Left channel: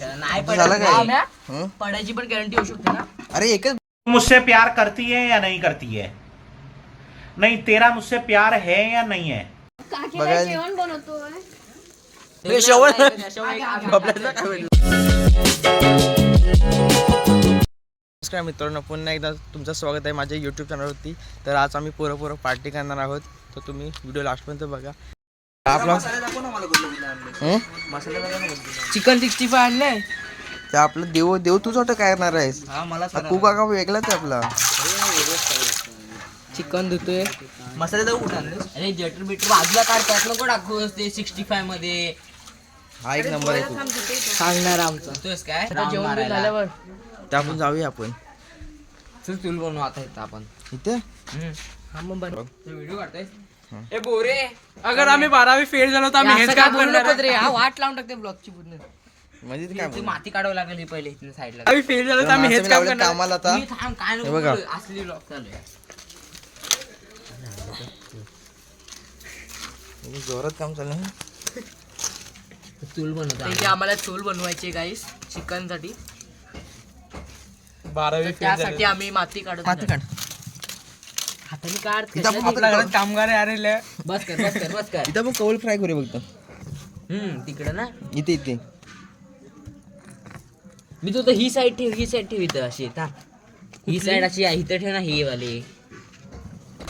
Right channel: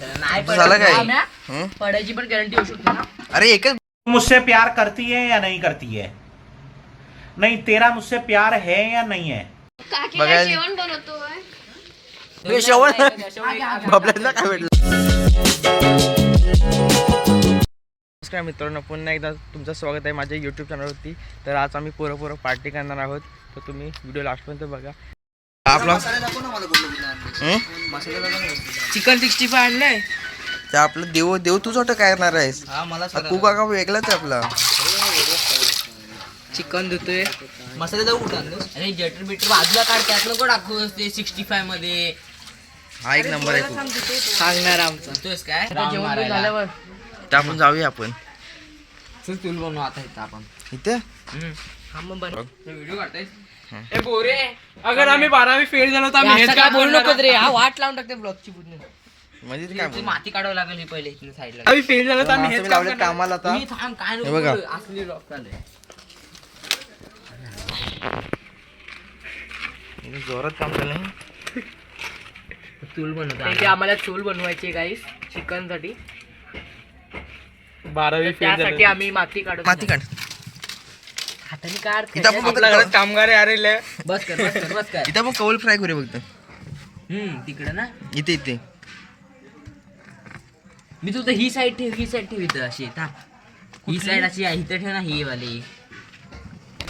नाही झालं काय? पडायची- हं? पडायची पण गॅरंटी होऊ शकते ना. अरे एकच मुझसे प्यार करती है या नहीं करती है? नहीं तेरा मुझसे प्यार है या नहीं है? काकीला बघायला- जेवण बनवतोय हे. शेवण? बबल्यातलं काय भेटलं? नमस्कार मित्रांनो पुन्हा एकदा तुमचं स्वागत आहे माझ्या यूट्यूब चॅनलवरती तर आज आम्ही पोरं पोरं पार्टी करणार आहोत. तर तुम्ही व्हिडिओ लास्टपर्यंत बघा. आपला हं? चिकन सिक्स्टी फाय आणलंय. ते आपलं देव देव तूच वाटतं काय करणार आहेस? हा तू का वेगळाच आहे आपला. चिकन धुतोय. मसाले जाऊ कुठं अरे जटर बिटर बाजूला काढ त्यात नको टाकू ते सिक्स्टी फायमध्ये? हा एक नंबर आहे खूप सांगणार आमचा. तोच काय? जेवण बिवण झाल्यावर. तर आपण जाऊया आपण. चल तुल बनवू आता इथं आपण. इथे? व्हिडिओ काढताय ए बोरे अगर आम्ही बारावी फेल झालो तर आम्ही हेच काय काय बोलू बोलणार नको रे हा वाट लावून टाकते ब्लॉगची पूर्ण. म्हणजे ते ती काय माती काढावं लागेल ही पहिले इथून साईडला. आम्ही फेल झालो तर आम्ही हेच काम लावलेत करणार. कामाला आता. मी थांब काय हे नको बघा. बोलू, असली ब्लॉग चालू आहे. जोरात काम चाललंय. चूल बनवतो आम्हाला चूल बनवायची गाईस चिकनसाठी. बारावी फेल झालो. त्यासाठी आम्ही माती काढतो माती काढ. हाताने काढ इथं आपण आपल्या घरात फक्त कामगार बस कर बस कर बस कर. इथं आपण कौल फ्राय करूया फक्त. हम्म तिकडे ना? इथे इथे. मी तू तर ही साईड ठेव ही साईड ठेव इथं अशी था ही साईड अशी आहे इथं ठेव ना ही वाली.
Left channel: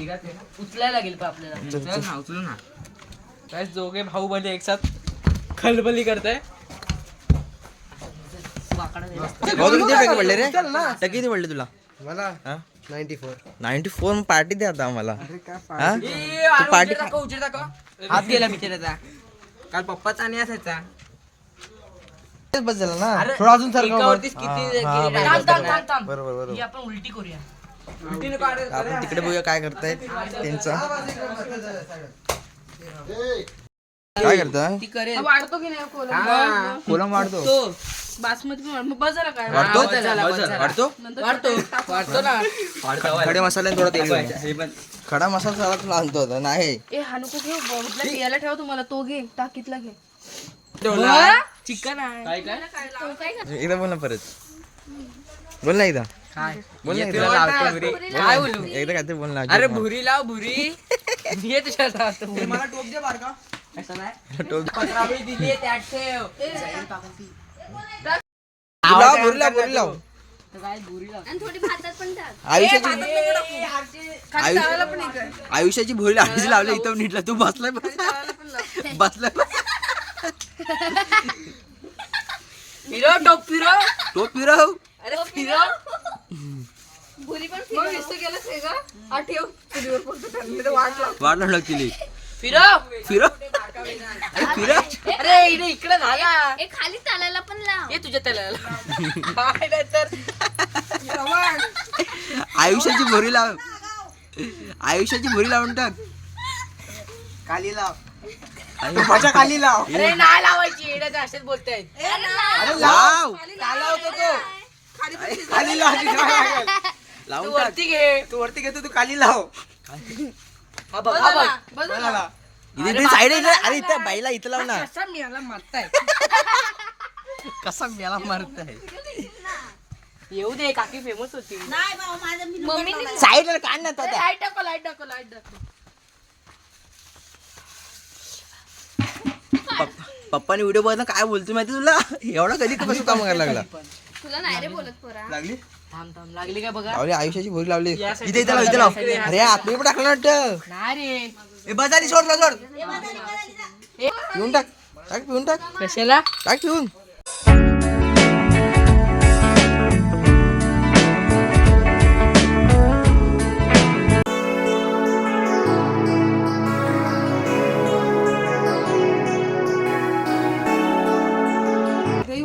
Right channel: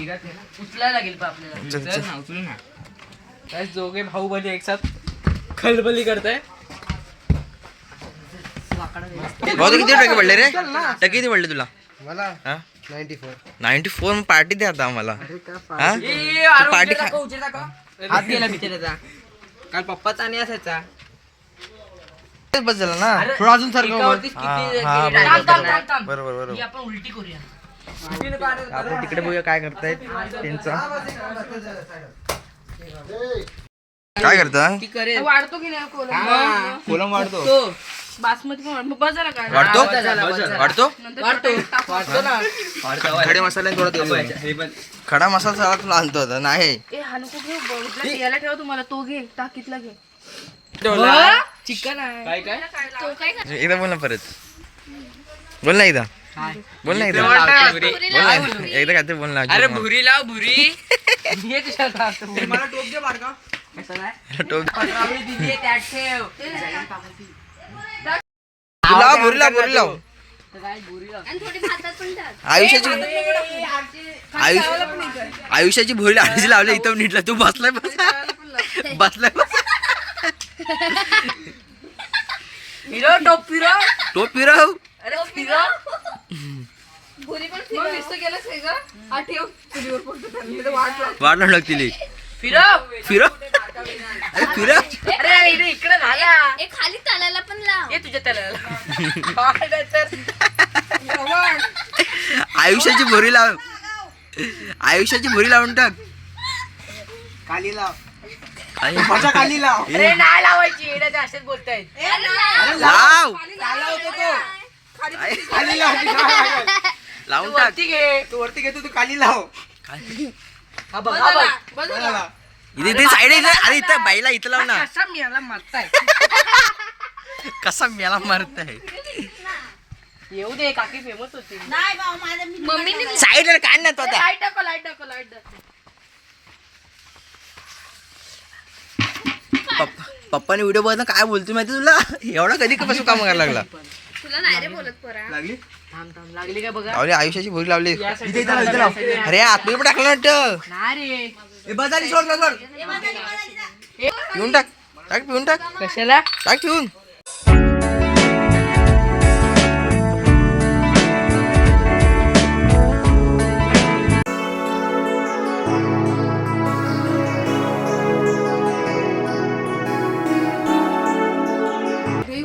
उचलायला लागेल का आपल्याला. चल, उचल ना उचलू ना. काय दोघे भाऊ बली एक साथ खलबली करताय. भाऊ तू किती टक्के पडले रे? टक्के किती पडले तुला? मला? हा? Ninety four ninety four party द्या आता आम्हाला. हा? तू पार्टी खा. हात गेला मी त्याचा काल पप्पाचा आणि असायचा. बस झाला ना थोडं अजून सारखं हा, हा, बरोबर, बरोबर. ही आपण उलटी करूया. आपण तिकडे बघूया काय करतायत त्यांचा. काय करता? ती करेल. वाढतो की नाही? कोलम. कोलम वाढतो. बासमती पण वाढतो. वाढतो? वाढतो वाढतो ना. खडे मसाले थोडा तेल. खडा मसाला सगळा तुला आणतो आता नाही. ए हा. नको याला ठेव तुम्हाला तो घे टाकीतला घे. चिकन आहे. काय? काय? तो काय कर- एकदा बोल ना परत. बोल ना एकदा. काय? बोल ना एकदा. बोल ना एकदा. काय बोल ना अरे भुरी लाव भुरी. ये तुझ्यात हात. कसं काय? टोप. लाव भुरी लाव भुरी लाव आयुष्याची. आयुष्य आयुष्याची भुरी लावायची लावली इथं नीटला तू बसलाय बस बसलाय बस. फिरव, टोप फिरव. तो फिरव अरे फिरव. भुरी पण फिरव. गेलं ठेव चुलीवर फक्त त्यांनी तर वाट लाव. लागतील फिरव. फिरव अरे फिरव अरे इथे इकडे झाला. ए खाली चालायला पण लाव. ये तुझ्या त्याला काय नाही तर. आयुष्याची भुरी लाव. आयुष्याची भुरी लावून टाक. खाली लाव. माझ्या खाली लाव. अरे नाही लावायची येड्या ते असेच बोलतायत. लाव. तो खाली लाव. ती काय लागेल? तू लावून टाक वरती घे. तू वरती घेतो तू खाली लाव. हा बघ हा. इथे इथे साईड इथे अरे इथं बाईला इथं लाव ना. कसा मिळाला मारताय. कसा मेला मारत आहे येऊ दे काकी फेमस होती. मम्मीने साईडला काय ना तो लाइट टाको लाइट टाको लाइट टाको पप्पा पप्पाने व्हिडिओ बघितला काय बोलतो माहिती तुला? एवढा कधी कपासून काम करायला लागला? तुला नाही रे बोलत पोरा. लागली? थांब थांब लागली काय बघा? आयुष्याची भुरी लावली. इथे इथे लाव इथे लाव. अरे आतमध्ये पण टाकलं वाटतं. नाही रे. ए, बस झाली सोड सोड. सोड पिऊन टाक. टाक पिऊन टाक. कशाला? टाक पिऊन.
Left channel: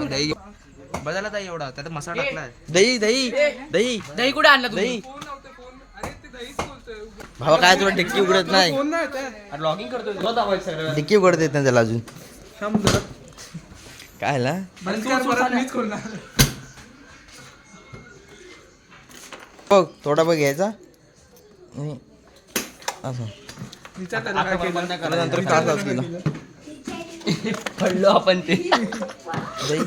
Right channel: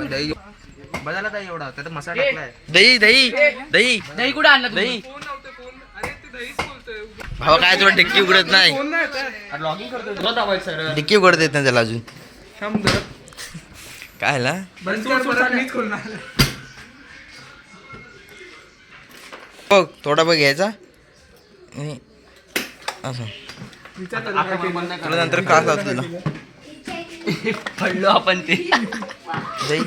दही. बदला ताई एवढा. त्यात मसाला टाकलाय. दही दही दही. दही कुठे आणलं दही. भावा काय तुला डिक्की उघडत नाही? डिक्की उघडत येत नाही त्याला अजून. थांब जरा. काय ला? बंद कर, परत मीच खोलणार बघ थोडा बघ घ्यायचा. आणि असं. विचार त्याला काय केलं. तुला नंतर त्रास लावतो तुला पडलो आपण ते. जाई.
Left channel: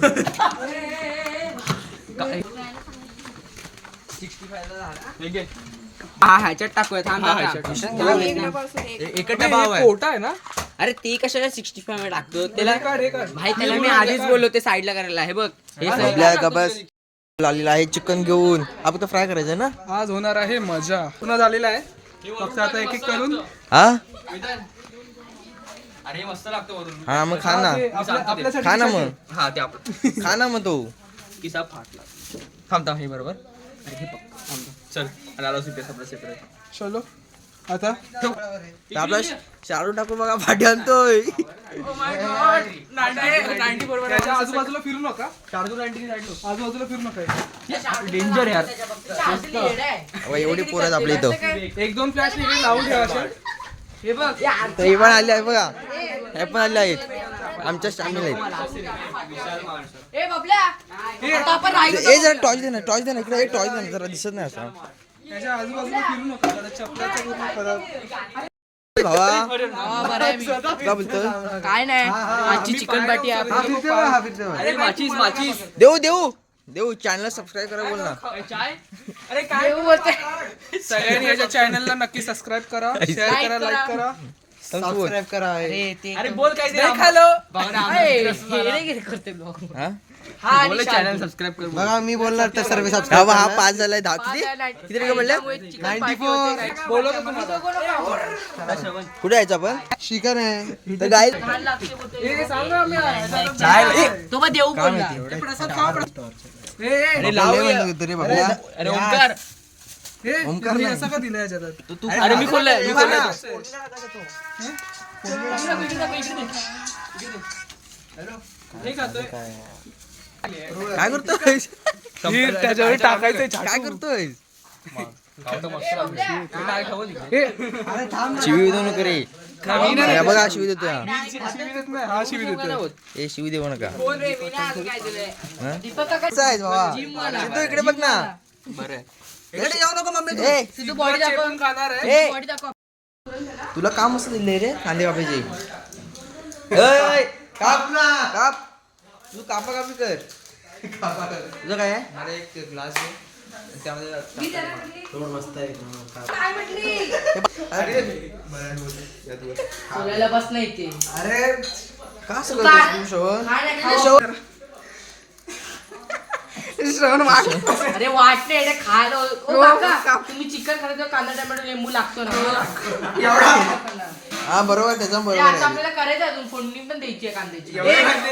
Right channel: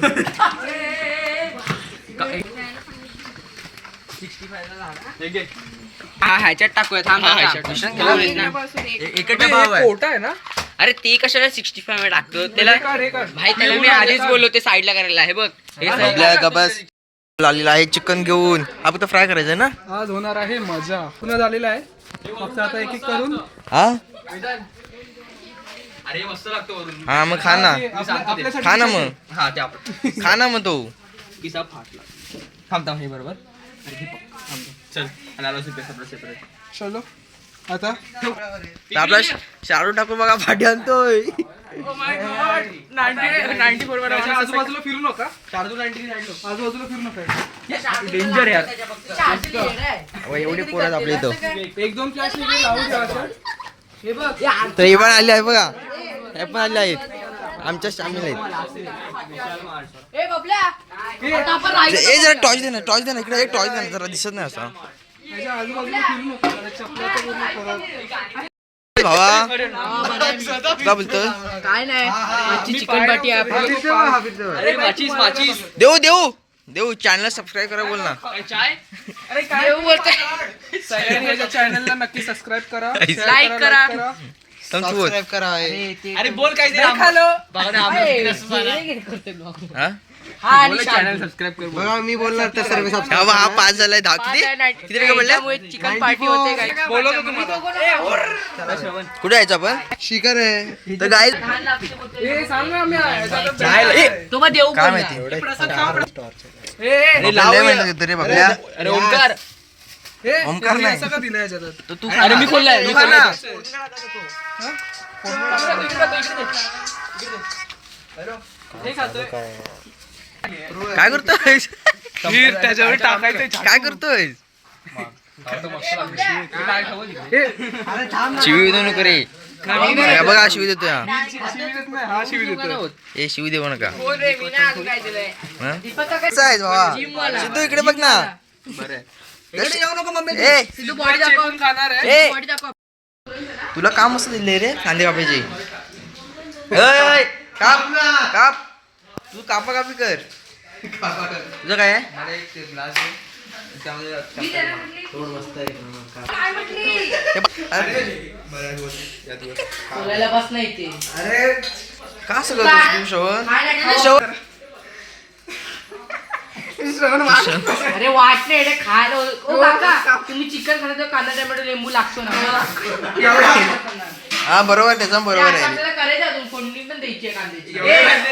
हा ह्याच्यात टाकूया थांब हा मिश्रण केलं पाहिजे. महिन्यापासून एक एकच भाव आहे. कोटा आहे ना? अरे ते कशाला सिक्स्टी फाय टाकतो? त्याला. भाई त्याला मी आधीच बोललो ते साईडला करायला हे बघ. हे. आपल्या गबस आलेला आहे चिकन घेऊन. हा फक्त फ्राय करायचं ना? आज होणार आहे मजा. पुन्हा झालेला आहे. फक्त आता एक एक करून. हा? अरे मस्त लागतो वरून. हा मग खा ना. आपल्या- आपल्यासाठी खा ना मग. हा ते आपलं खा ना मग तो. किसा फाटला. थांब थांब हे बरोबर. चल आणि आला सुपेस आपला सेपरेट चलो. आता? आपला शाडू टाकून बघा फाटी आणतोय. त्याच्या आजूबाजूला फिरू नका. आजूबाजूला फिरू नका. डेंजर यार. एवढी पोरं आहेत आपल्या इथं. एक दोन फ्लॅश लावू द्या हे बघ. तर पण आले आहे बघा. हे पण आले आहेत. आमच्या सामील आहेत ए जरा टॉर्च दे ना टॉर्च दे ना इकडे. टॉर्च दे ना जरा दिसत नाही असं. भावा. काय बोलतो काय नाही. आजची चिकन आहे. माचीस देऊ देऊ. देऊ चॅनल सबस्क्राईब करा बोल ना. देऊ बोलते. सगळ्यांनी याच्या चॅनलला नक्की सबस्क्राईब करा. शेअर करा करा. लाईक करा. सांग तू बोल अरे बोल काय ते हा? चॅनल सबस्क्राईब कर बघा मी बोलणार ते सर्व हा बा, हा पाच झालाय दहा किती किती रे बोलले चिकन पार्टी होते काय बोलवतो तुम्हाला कुठे यायचं आपण? शिकार आहे तर गाय हे सांग ना मी ह्याच्यात- तो। मग देऊ काय बोलला. माहिती हे, हे, बाबल्या लय माहिती तरी बाबल्या अरे ओंकार। हे, ओमकार हे नाही. असं का दिलं याच्यात. तर तू अरे मी खोललाय तू खा ना खातोय काय करतोय हे त्याच्यावर टाकायचं काय करतोय हे शिवी देऊ नको रे. हे बघा शिवी देतोय हा. शिवी देत नाही हा शिवी हे देऊ नका. हा? कसं बाबा सिद्धू इकडे बघ ना. इकडे येऊ नको मम्मी ए. सिद्धू बॉडी दाखव. पण खाणार आहे. ए. बॉडी दाखव. तुला काम असं दिले रे कांदे कापायचे काप काप. तू कापा कापी कर. तुझं काय आहे? मला एक ग्लास आहे त्यामध्ये हे बघ. अरे बोलायला का सगळं तू श्रवण श्रवण अरे वाटले रे खायला. ओ काका तुम्ही चिकन खात कांदा टोमॅटो लिंबू लागतो ना. हा बरोबर त्याचा बरोबर आहे. आपल्याला करायचं अजून. फोडणी पण द्यायची आहे कांद्याची.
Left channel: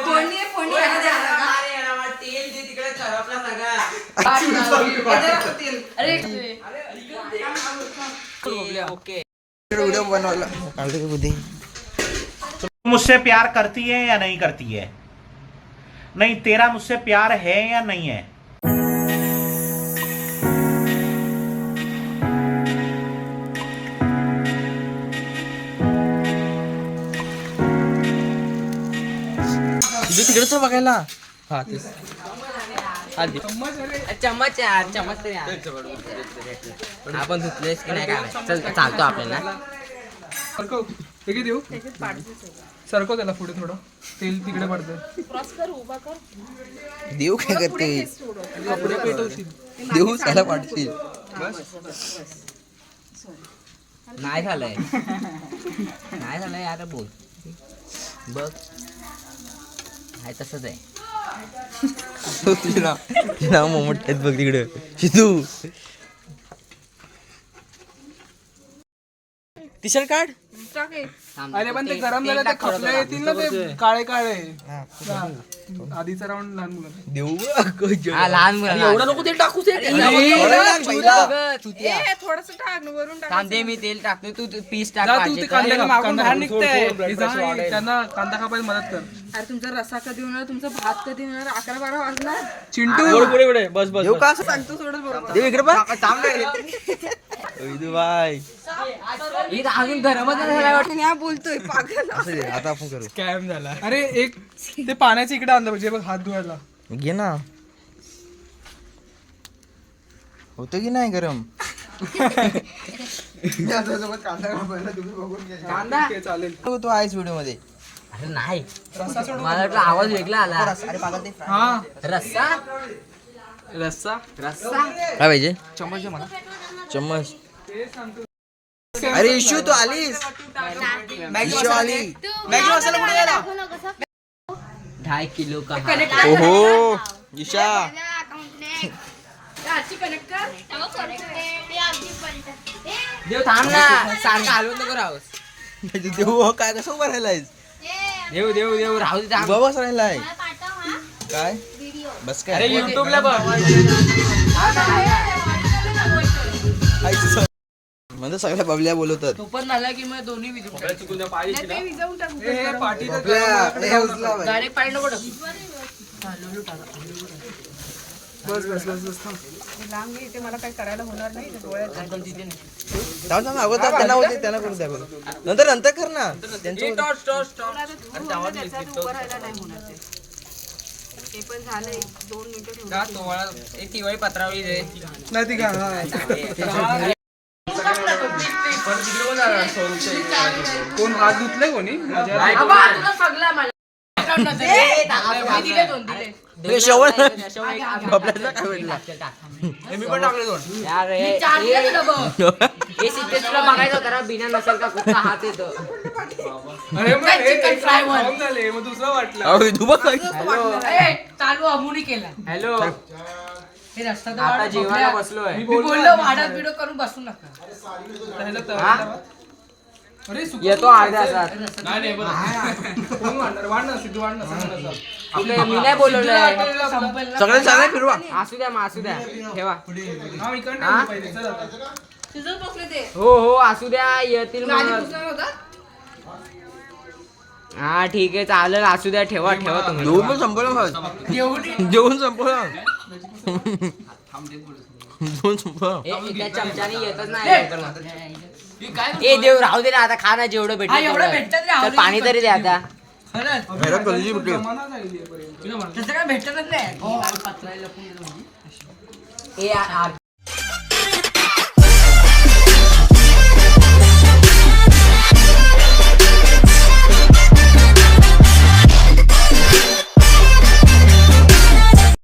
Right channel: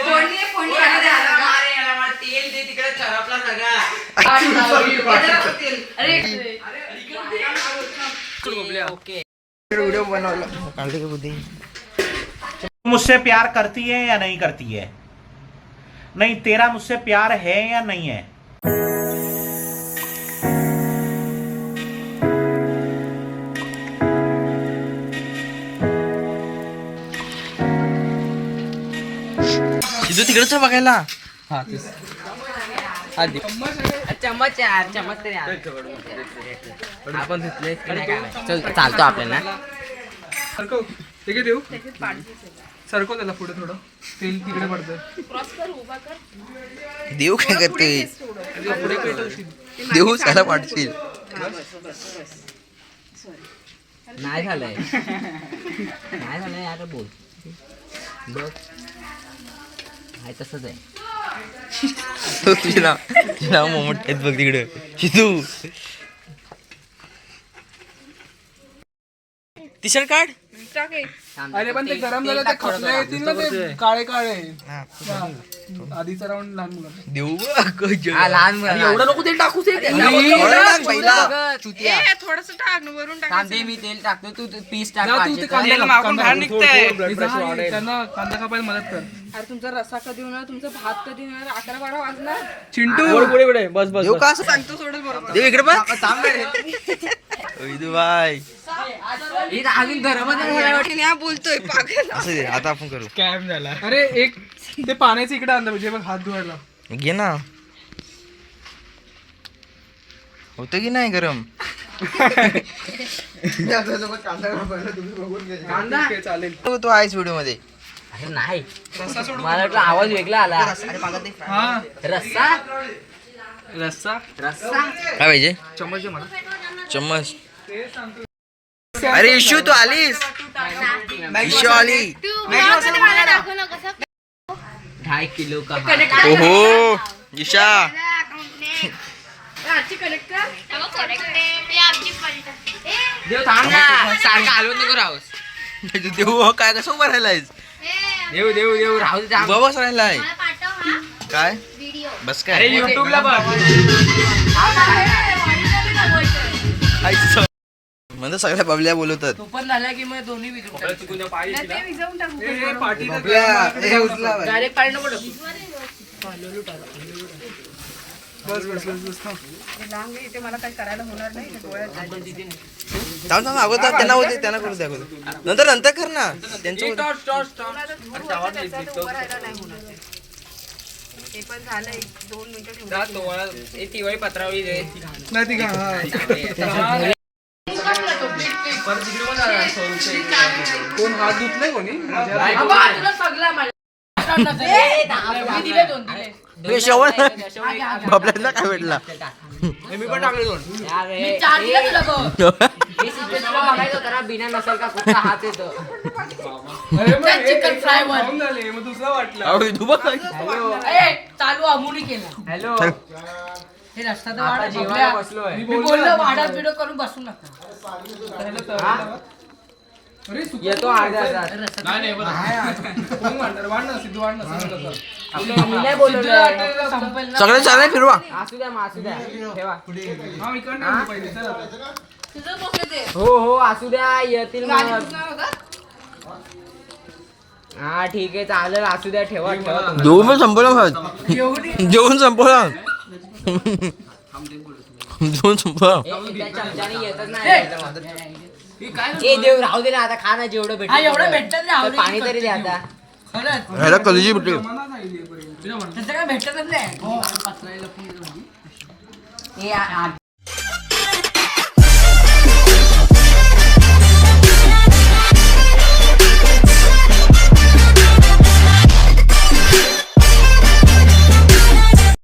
फोडणी आहे, फोडणी आहे. तेल दे तिकडे खराबला सगळा. अरे ओके. व्हिडिओ बनवला. काढले का बुद्धी? मुझसे प्यार करती है या नहीं करती है? नहीं तेरा मुझसे प्यार है या नहीं है? तिथं तिकडेच बघायला. हा तेच. चम्मच यार चम्मच तरी. आपण धुतलेस की नाही काय माहीत. चल चालतो आपल्याला. सरकव. हे घे देऊ. सरकव त्याला पुढे थोडं. तेल तिकडे देव काय पेटवशील. देऊ त्याला वाटशील नाही झालंय. नाही झालंय आता बोल. बघ. आहे तसंच आहे. तुझे नाव तुझे नाव मोमट आहेत बघ तिकडं. शितू. टी शर्ट काढ. अरे पण ते गरम झालं ते खपले येतील ना ते काळे काळे. हा. आधीचा राऊंड लहान मुलं. देऊ लहान मुलांना एवढं नको तेल टाकू थोडं. थोडस टाक वरून टाक. कांदे मी तेल टाकतो तू तू पीस तर. त्यांना कांदा कापायला मदत कर. अरे तुमचा रसा कधी होणार? तुमचा भात कधी होणार? अकरा बारा वाजणार? चिंटू. का असं? सांगतो सोडत बरोबर. इकडे बघ. अजून बोलतोय पागल. असं दे आता आपण करू. कॅम झाला. अरे एक ते पाण्याच्या इकडे आणलं पाहिजे. बघ हात धुवायला. घे ना. होतं की नाही गरम? ते चालेल. तू तू आहेस व्हिडिओमध्ये अरे नाही. मला वाटलं आवाज वेगळा आला. हा. रस्सा रस्सा? रस्सा? काय पाहिजे? चम्मच दे मला. चम्मच. अरे इशू तू आलीस? इशू आली. ढाई किलो का ओहो ईशा. आजची कनेक्ट कर देव थांब ना. सारखं हलवत नको राहूस. देऊ काय कसं उभं राहिलायस? देव देव देव राहू बस राहिलाय. काय? बस काय? युट्यूबला बघ. म्हणजे सगळ्या बबल्या बोलवतात. तो पण झाला की मग दोन्ही विजून. डायरेक्ट पाणी नको टाकू. बस बस बस बस थांब. थांब थांब अगोदर त्यांना होते त्यांना करू द्या अगोदर. नंतर नंतर कर ना. त्यांचं होतं. नाही ती मला. मी दिले दोन दिले हे. शेवट बबल्याला काय भेटला यार, मी हे- चार हे- दिले तुला बघ. हे सिद्धेश तुला बघायचं करा बिना नसेल का कुठला हात येतो अरे मग हे- चिकन हे फ्राय वर. खाऊन झाले मग दुसरा वाटला अहो, तू बघ. ए, चालू अमुनी केला हॅलो हे रस्ता तर वाढ- जेवायला. बसलोय. मी बोललो करून बसू नका. अरे सुक- येतो अर्धा तास. कोण वाढणार? वाढ ना सिद्धू वाढ ना मी नाही संपेल. सगळे सगळे फिरवा. असू द्या मग असू द्या ठेवा. हा इकडनं पहिले चल. ते. हो हो असू द्या येतील मग? हा ठीक आहे चालेल असू द्या ठेवा ठेवा तुम्ही. जेवून संपवलं. जेवून संपवलं. संपवलं ए, देव राहू दे ना आता खा ना जेवढं भेटत हा, एवढं भेटतं आवडीचं पाणी तरी द्या आता खरंच. ह्याला भेटली. तसं काय भेटतच नाही. ए आ- आ-